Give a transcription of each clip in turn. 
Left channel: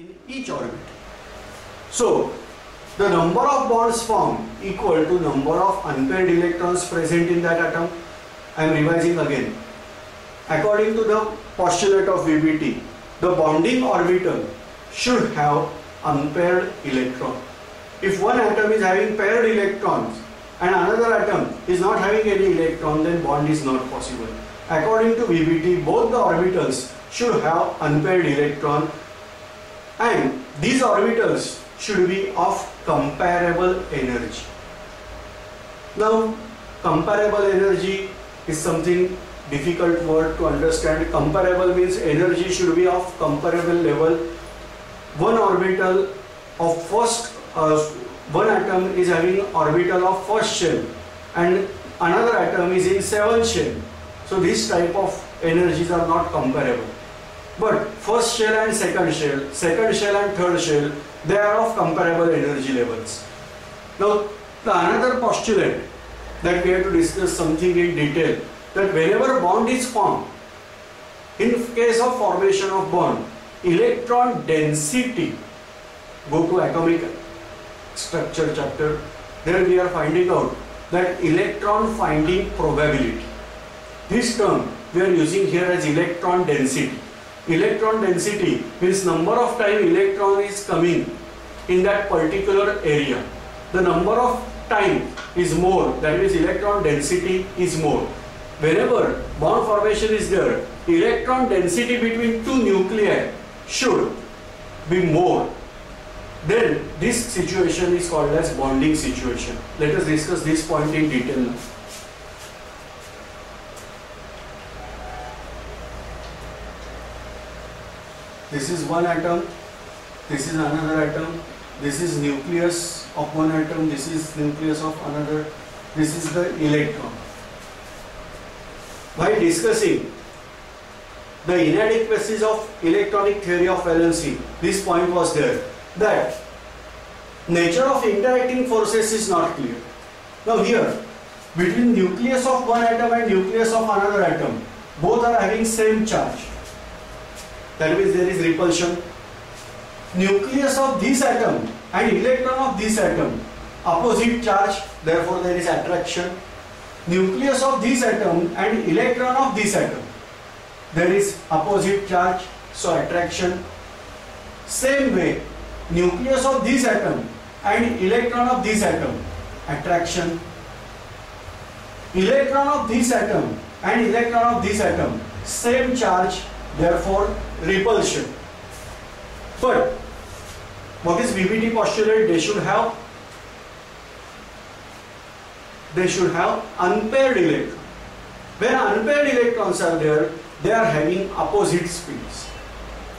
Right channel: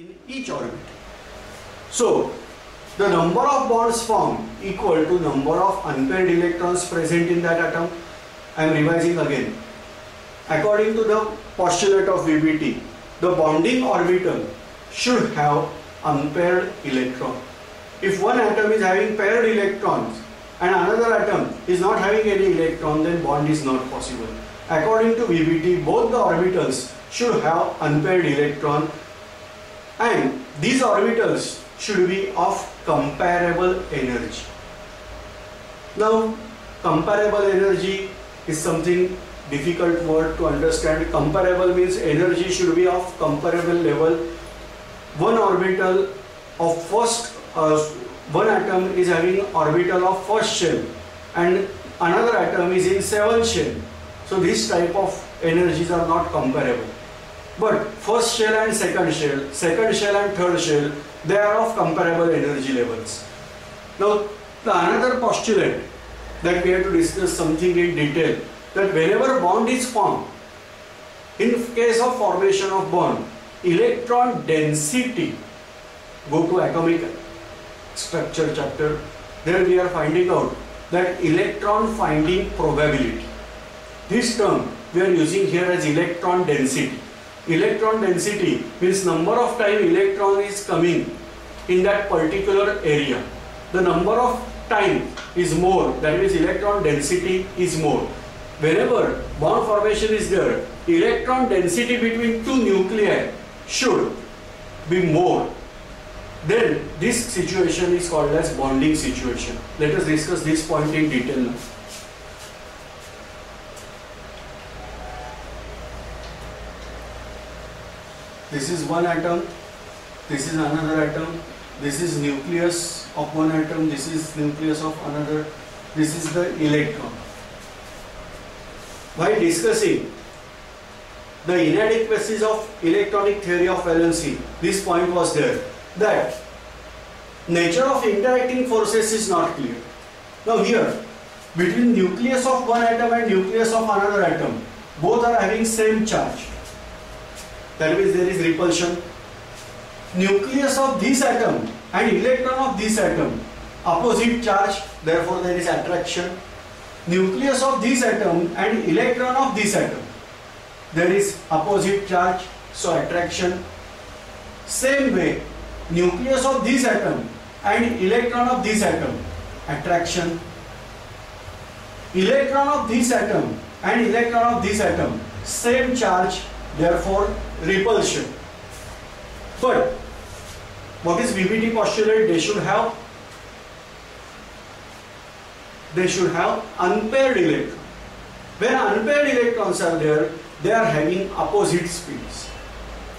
in each orbit. So the number of bonds formed equal to number of unpaired electrons present in that atom. I am revising again. According to the postulate of VBT, the bonding orbital should have unpaired electron. If one atom is having paired electrons and another atom is not having any electron, then bond is not possible. According to VBT, both the orbitals should have unpaired electron, and these orbitals should be of comparable energy. Now, comparable energy is something difficult word to understand. Comparable means energy should be of comparable level. One orbital of first, one atom is having orbital of first shell and another atom is in seventh shell. So this type of energies are not comparable. But first shell and second shell and third shell, they are of comparable energy levels. Now, the another postulate that we have to discuss something in detail, that whenever bond is formed, in case of formation of bond, electron density, go to atomic structure chapter, there we are finding out that electron finding probability. This term we are using here as electron density. Electron density means number of time electron is coming in that particular area. The number of time is more, that means electron density is more. Whenever bond formation is there, electron density between two nuclei should be more. Then this situation is called as bonding situation. Let us discuss this point in detail now. This is one atom, this is another atom, this is nucleus of one atom, this is nucleus of another, this is the electron. While discussing the inadequacies of electronic theory of valency, this point was there, that nature of interacting forces is not clear. Now here, between nucleus of one atom and nucleus of another atom, both are having same charge. That means there is repulsion. Nucleus of this atom and electron of this atom, opposite charge, therefore there is attraction. Nucleus of this atom and electron of this atom, there is opposite charge, so attraction. Same way, nucleus of this atom and electron of this atom, attraction. Electron of this atom and electron of this atom, same charge, therefore repulsion. But what is VBT postulate? They should have unpaired electrons. When unpaired electrons are there, they are having opposite spins.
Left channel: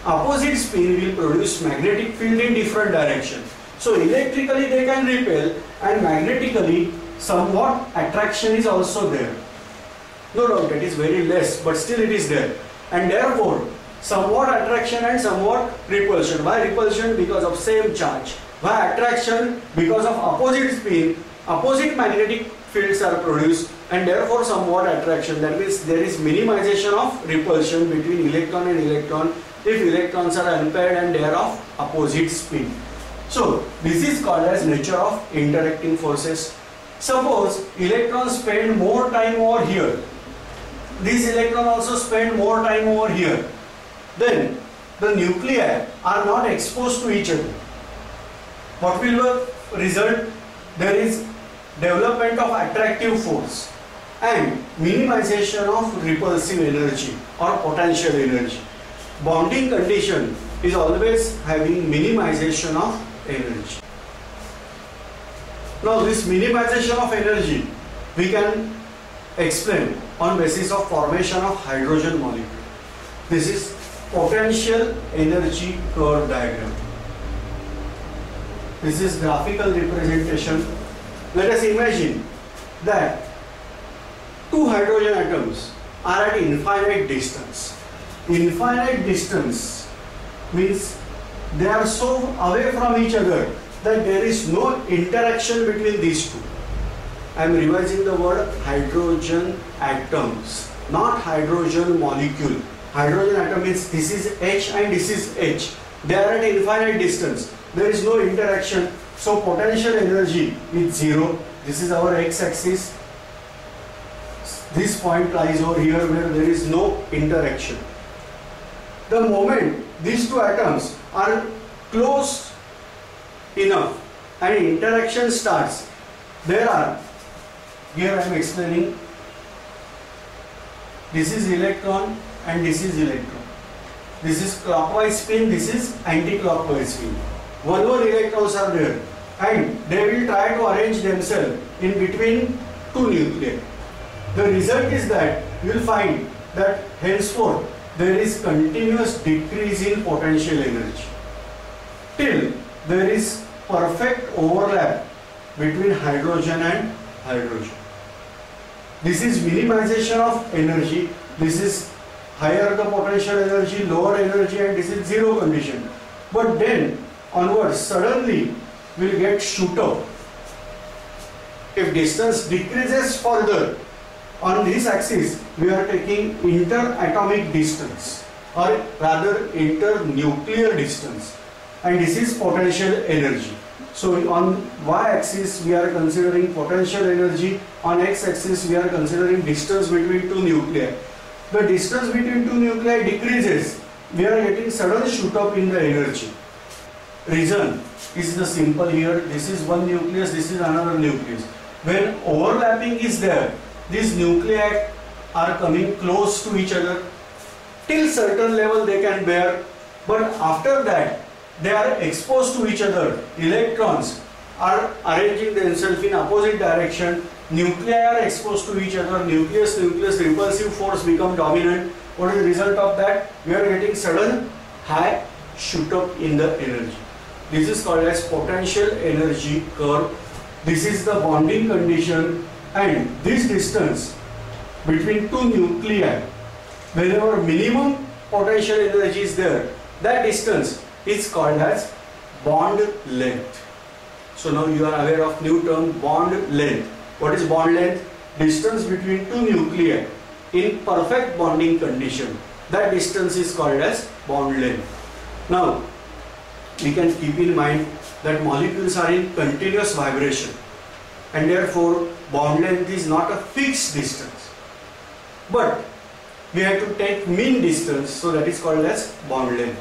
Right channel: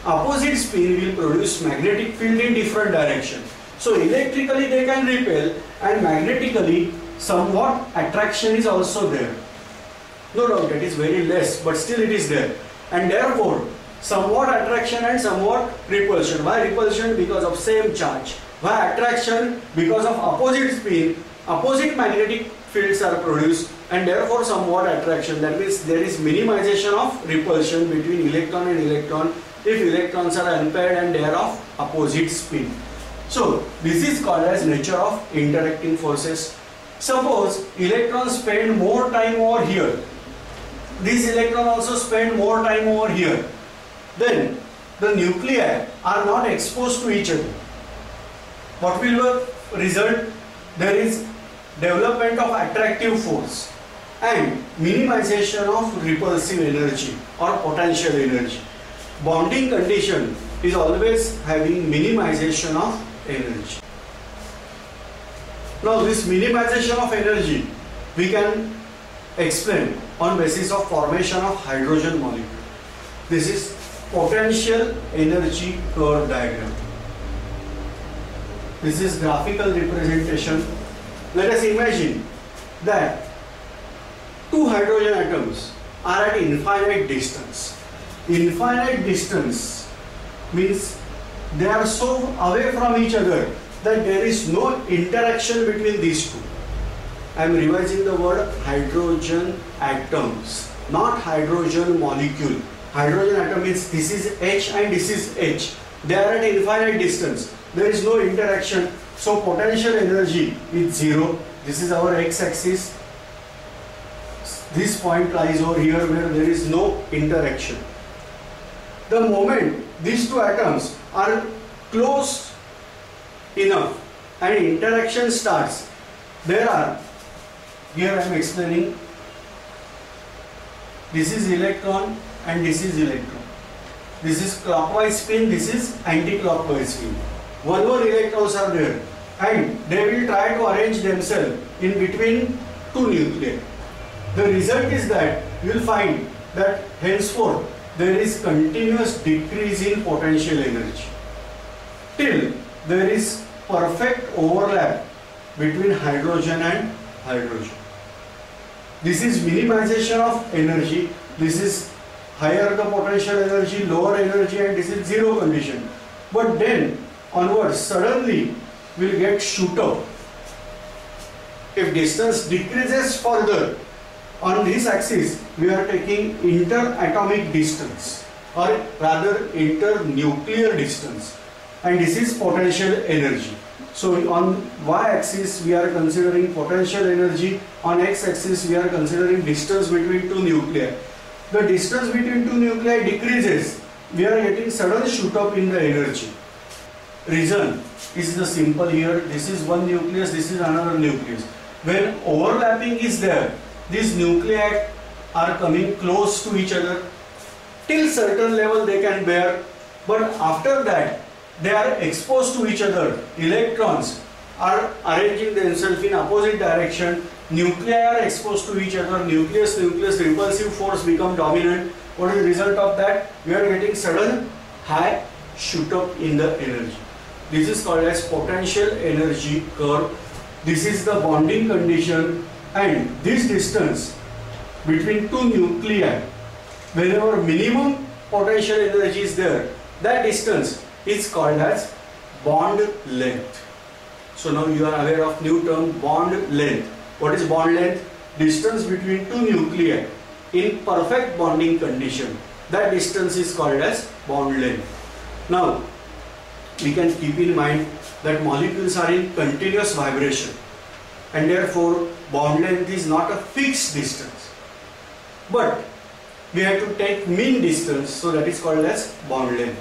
Opposite spin will produce magnetic field in different direction. So electrically they can repel, and magnetically somewhat attraction is also there. No doubt it is very less, but still it is there. And therefore somewhat attraction and somewhat repulsion. Why repulsion? Because of same charge. Why attraction? Because of opposite spin, opposite magnetic fields are produced, and therefore somewhat attraction. That means there is minimization of repulsion between electron and electron if electrons are unpaired and they are of opposite spin. So this is called as nature of interacting forces. Suppose electrons spend more time over here, these electrons also spend more time over here, then the nuclei are not exposed to each other. What will result? There is development of attractive force and minimization of repulsive energy or potential energy. Bonding condition is always having minimization of energy. Now this minimization of energy we can explain on basis of formation of hydrogen molecule. This is potential energy curve diagram. This is graphical representation. Let us imagine that two hydrogen atoms are at infinite distance. Infinite distance means they are so away from each other that there is no interaction between these two. I am revising the word hydrogen atoms, not hydrogen molecule. Hydrogen atom means this is H and this is H. They are at infinite distance. There is no interaction. So potential energy is zero. This is our x-axis. This point lies over here where there is no interaction. The moment these two atoms are close enough and interaction starts, here I am explaining, this is electron and this is electron. This is clockwise spin, this is anti-clockwise spin. One electrons are there and they will try to arrange themselves in between two nuclei. The result is that you will find that henceforth there is continuous decrease in potential energy till there is perfect overlap between hydrogen and hydrogen. This is minimization of energy. This is higher the potential energy, lower energy, and this is zero condition. But then onwards suddenly we will get shoot up. If distance decreases further, on this axis we are taking interatomic distance, or rather internuclear distance, and this is potential energy. So on y-axis we are considering potential energy, on x-axis we are considering distance between two nuclei. The distance between two nuclei decreases, we are getting sudden shoot up in the energy. Reason is the simple here. This is one nucleus, this is another nucleus. When overlapping is there, these nuclei are coming close to each other. Till certain level they can bear, but after that they are exposed to each other. Electrons are arranging themselves in opposite direction. Nuclei are exposed to each other. Nucleus repulsive force become dominant. What is the result of that? We are getting sudden high shoot up in the energy. This is called as potential energy curve. This is the bonding condition, and this distance between two nuclei, whenever minimum potential energy is there, that distance is called as bond length. So now you are aware of new term, bond length. What is bond length? Distance between two nuclei in perfect bonding condition. That distance is called as bond length. Now we can keep in mind that molecules are in continuous vibration, and therefore bond length is not a fixed distance, but we have to take mean distance, so that is called as bond length.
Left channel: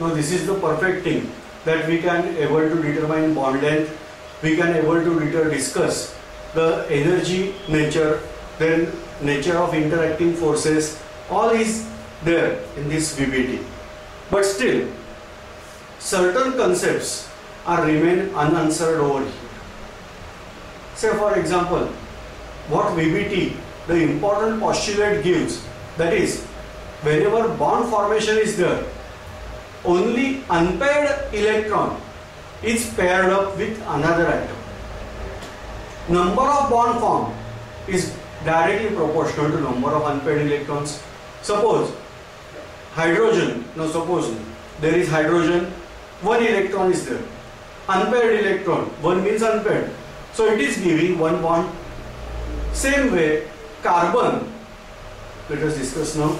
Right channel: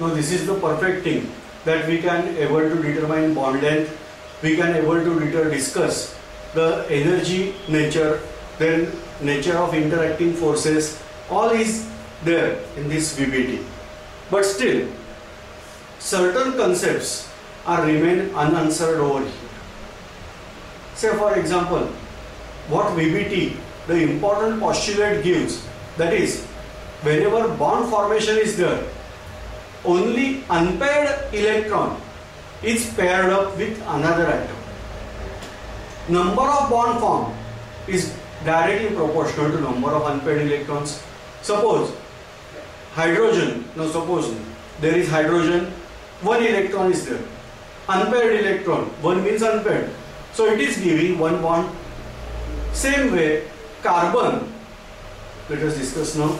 Now this is the perfect thing, that we can able to determine bond length, we can able to discuss the energy nature, then nature of interacting forces, all is there in this VBT. But still, certain concepts are remain unanswered over here. Say for example, what VBT, the important postulate gives, that is, whenever bond formation is there, only unpaired electron is paired up with another atom. Number of bond formed is directly proportional to number of unpaired electrons. Suppose hydrogen, now suppose there is hydrogen, one electron is there. Unpaired electron, one means unpaired. So it is giving one bond. Same way, carbon, let us discuss now.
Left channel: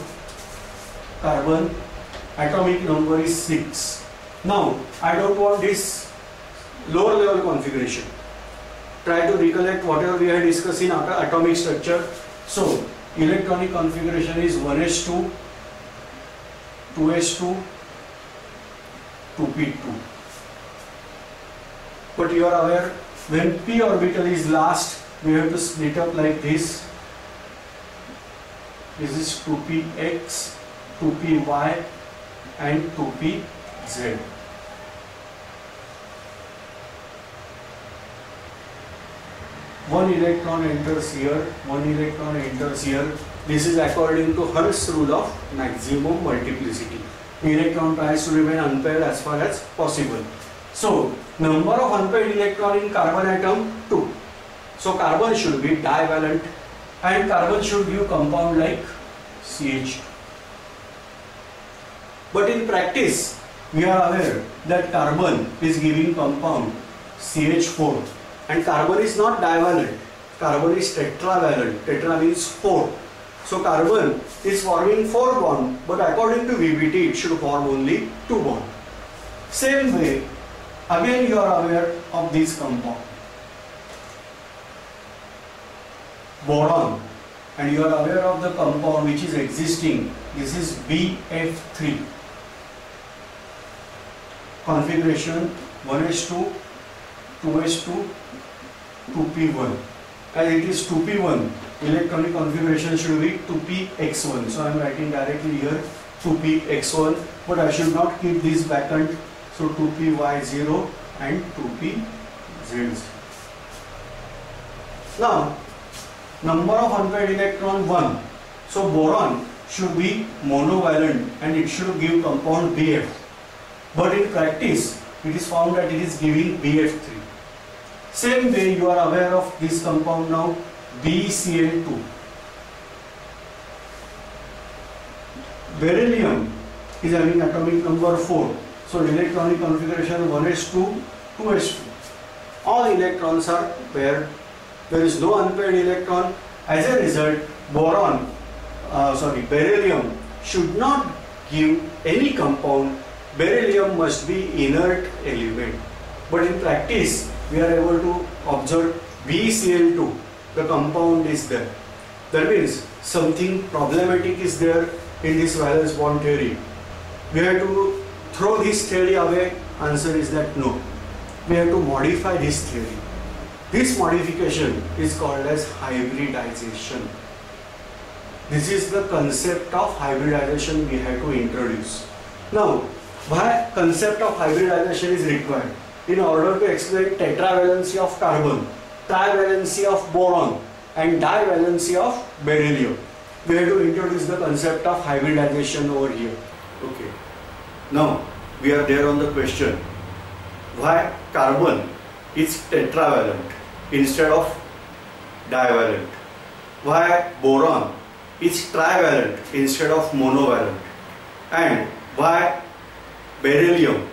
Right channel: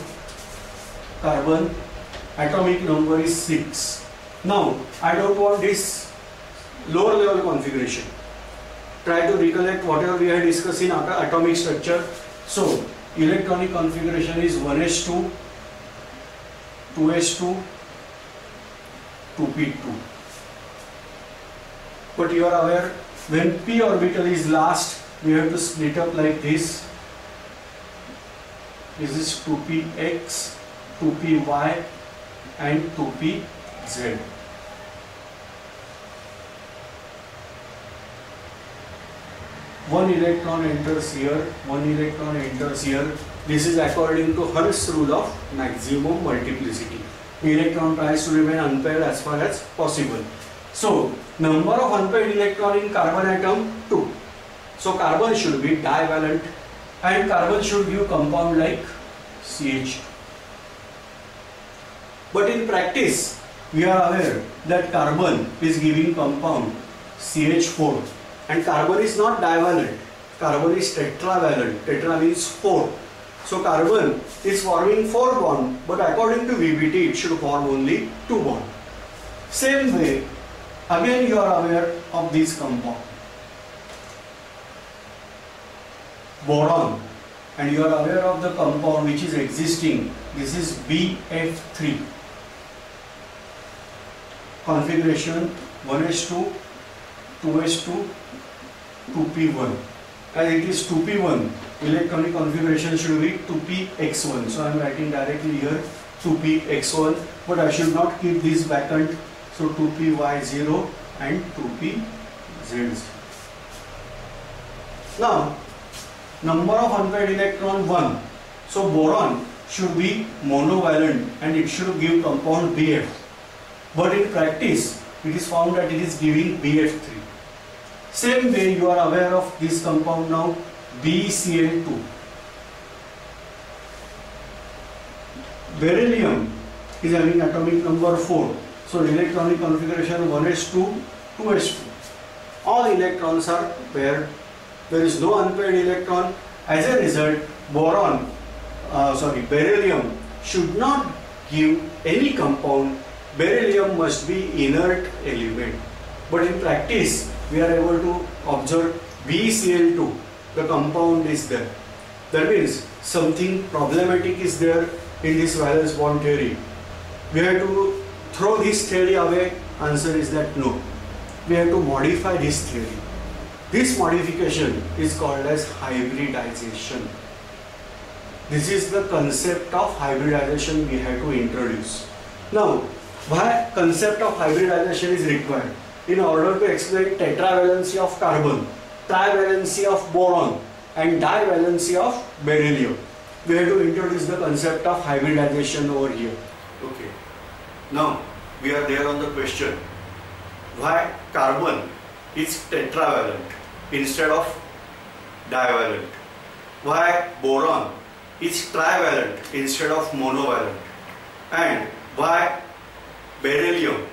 Carbon, atomic number is 6. Now, I don't want this lower level configuration. Try to recollect whatever we had discussed in atomic structure. So, electronic configuration is 1s2, 2s2, 2p2. But you are aware, when p orbital is last, we have to split up like this. This is 2px, 2py and 2pz. One electron enters here, one electron enters here. This is according to Hertz's rule of maximum multiplicity. Electron tries to remain unpaired as far as possible. So, number of unpaired electron in carbon atom 2. So, carbon should be divalent and carbon should give compound like CH2. But in practice, we are aware that carbon is giving compound CH4 and carbon is not divalent. Carbon is tetravalent. Tetra means 4. So carbon is forming 4 bonds, but according to VBT it should form only 2 bonds. Same way, again you are aware of this compound, boron, and you are aware of the compound which is existing. This is BF3. Configuration 1s2, 2s2, 2p1. As it is 2p1, electronic configuration should be 2px1. So I am writing directly here 2px1, but I should not keep this vacant. So 2py0 and 2pz0. Now, number of unpaired electron 1. So boron should be monovalent and it should give compound BF. But in practice, it is found that it is giving BF3. Same way you are aware of this compound now, BeCl2. Beryllium is having atomic number 4. So electronic configuration 1s2, 2s2. All electrons are paired. There is no unpaired electron. As a result, beryllium should not give any compound. Beryllium must be inert element. But in practice, we are able to observe BeCl2. The compound is there. That means something problematic is there in this valence bond theory. We have to throw this theory away. Answer is that no. We have to modify this theory. This modification is called as hybridization. This is the concept of hybridization we have to introduce. Now, why concept of hybridization is required? In order to explain tetravalency of carbon, trivalency of boron and divalency of beryllium, we have to introduce the concept of hybridization over here. Okay. Now, we are there on the question, why carbon is tetravalent instead of divalent? Why boron is trivalent instead of monovalent? And why beryllium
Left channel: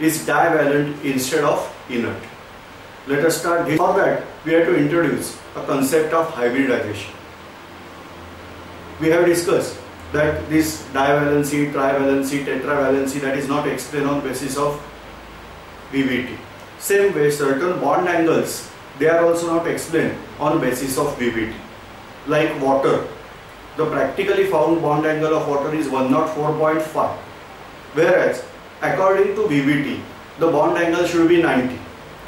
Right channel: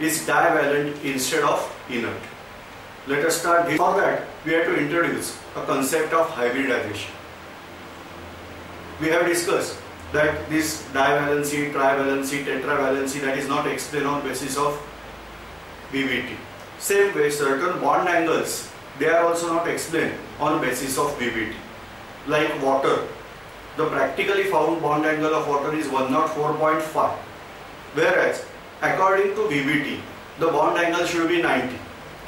is divalent instead of inert? Let us start this. For that, we have to introduce a concept of hybridization. We have discussed that this divalency, trivalency, tetravalency, that is not explained on basis of VBT. Same way, certain bond angles, they are also not explained on basis of VBT. Like water, the practically found bond angle of water is 104.5, whereas according to VBT, the bond angle should be 90.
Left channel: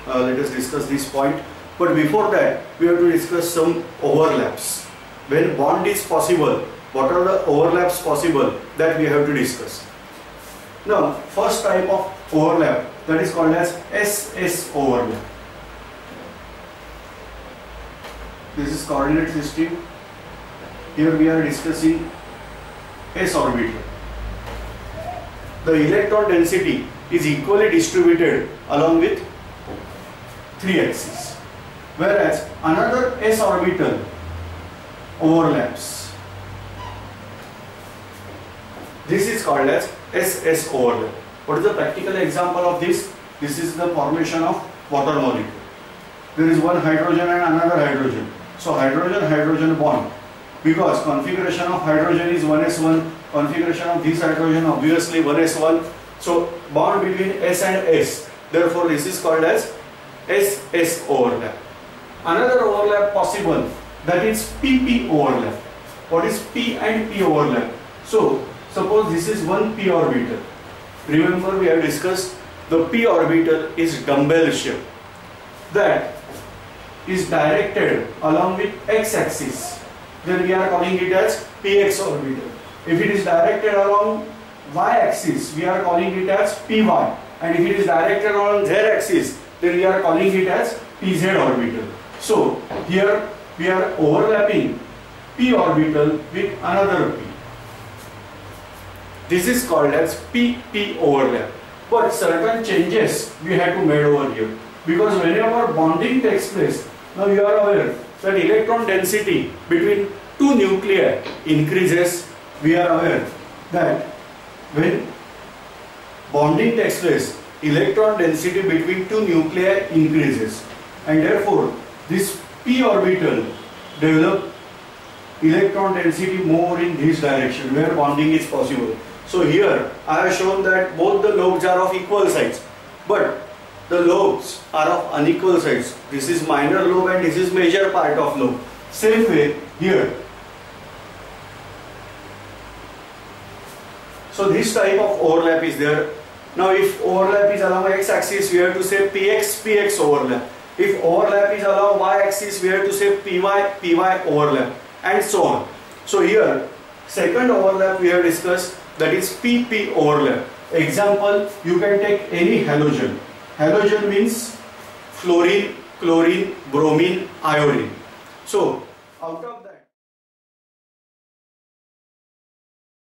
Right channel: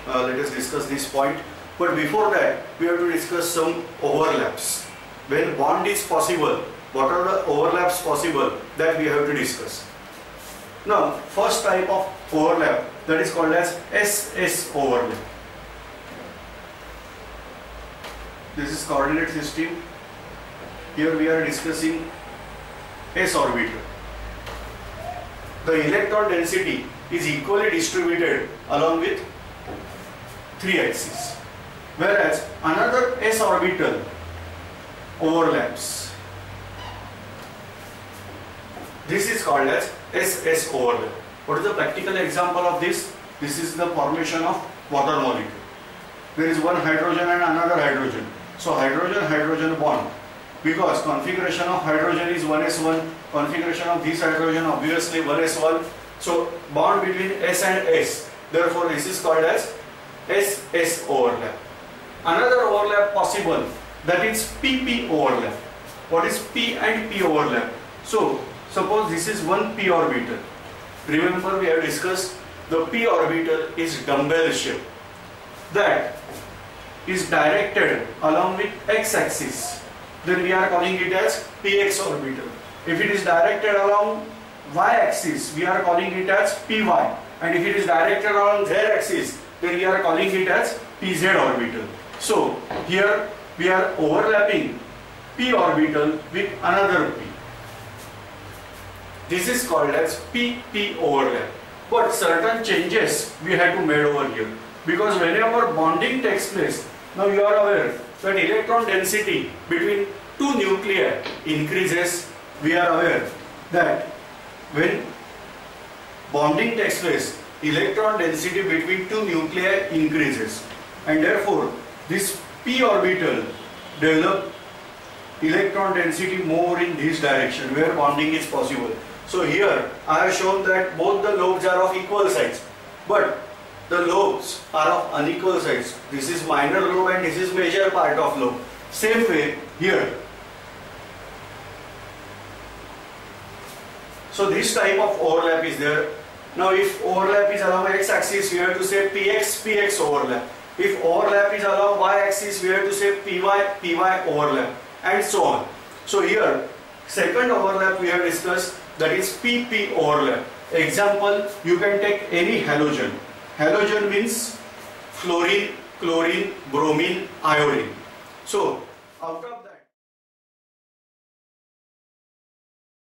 Let us discuss this point. But before that, we have to discuss some overlaps. When bond is possible, what are the overlaps possible, that we have to discuss. Now, first type of overlap, that is called as SS overlap. This is coordinate system. Here we are discussing s orbital. The electron density is equally distributed along with 3 axes, whereas another s orbital overlaps. This is called as SS overlap. What is the practical example of this? This is the formation of water molecule. There is one hydrogen and another hydrogen. So hydrogen-hydrogen bond. Because configuration of hydrogen is 1s1, configuration of this hydrogen obviously 1s1. So bond between S and S. Therefore this is called as SS overlap. Another overlap possible, that is PP overlap. What is P and P overlap? So suppose this is one p orbital. Remember, we have discussed the p orbital is dumbbell shape, that is directed along with x-axis. Then we are calling it as px orbital. If it is directed along y-axis, we are calling it as py. And if it is directed along z-axis, then we are calling it as pz orbital. So here we are overlapping p orbital with another p. This is called as PP overlap. But certain changes we had to make over here, because whenever bonding takes place, now you are aware that electron density between two nuclei increases. We are aware that when bonding takes place, electron density between two nuclei increases, and therefore this p orbital develop electron density more in this direction where bonding is possible. So here I have shown that both the lobes are of equal size, but the lobes are of unequal size. This is minor lobe and this is major part of lobe. Same way here. So this type of overlap is there. Now if overlap is along x-axis, we have to say px overlap. If overlap is along y-axis, we have to say py overlap, and so on. So here, second overlap we have discussed, that is pp overlap. Example, you can take any halogen. Halogen means fluorine, chlorine, bromine, iodine. So out of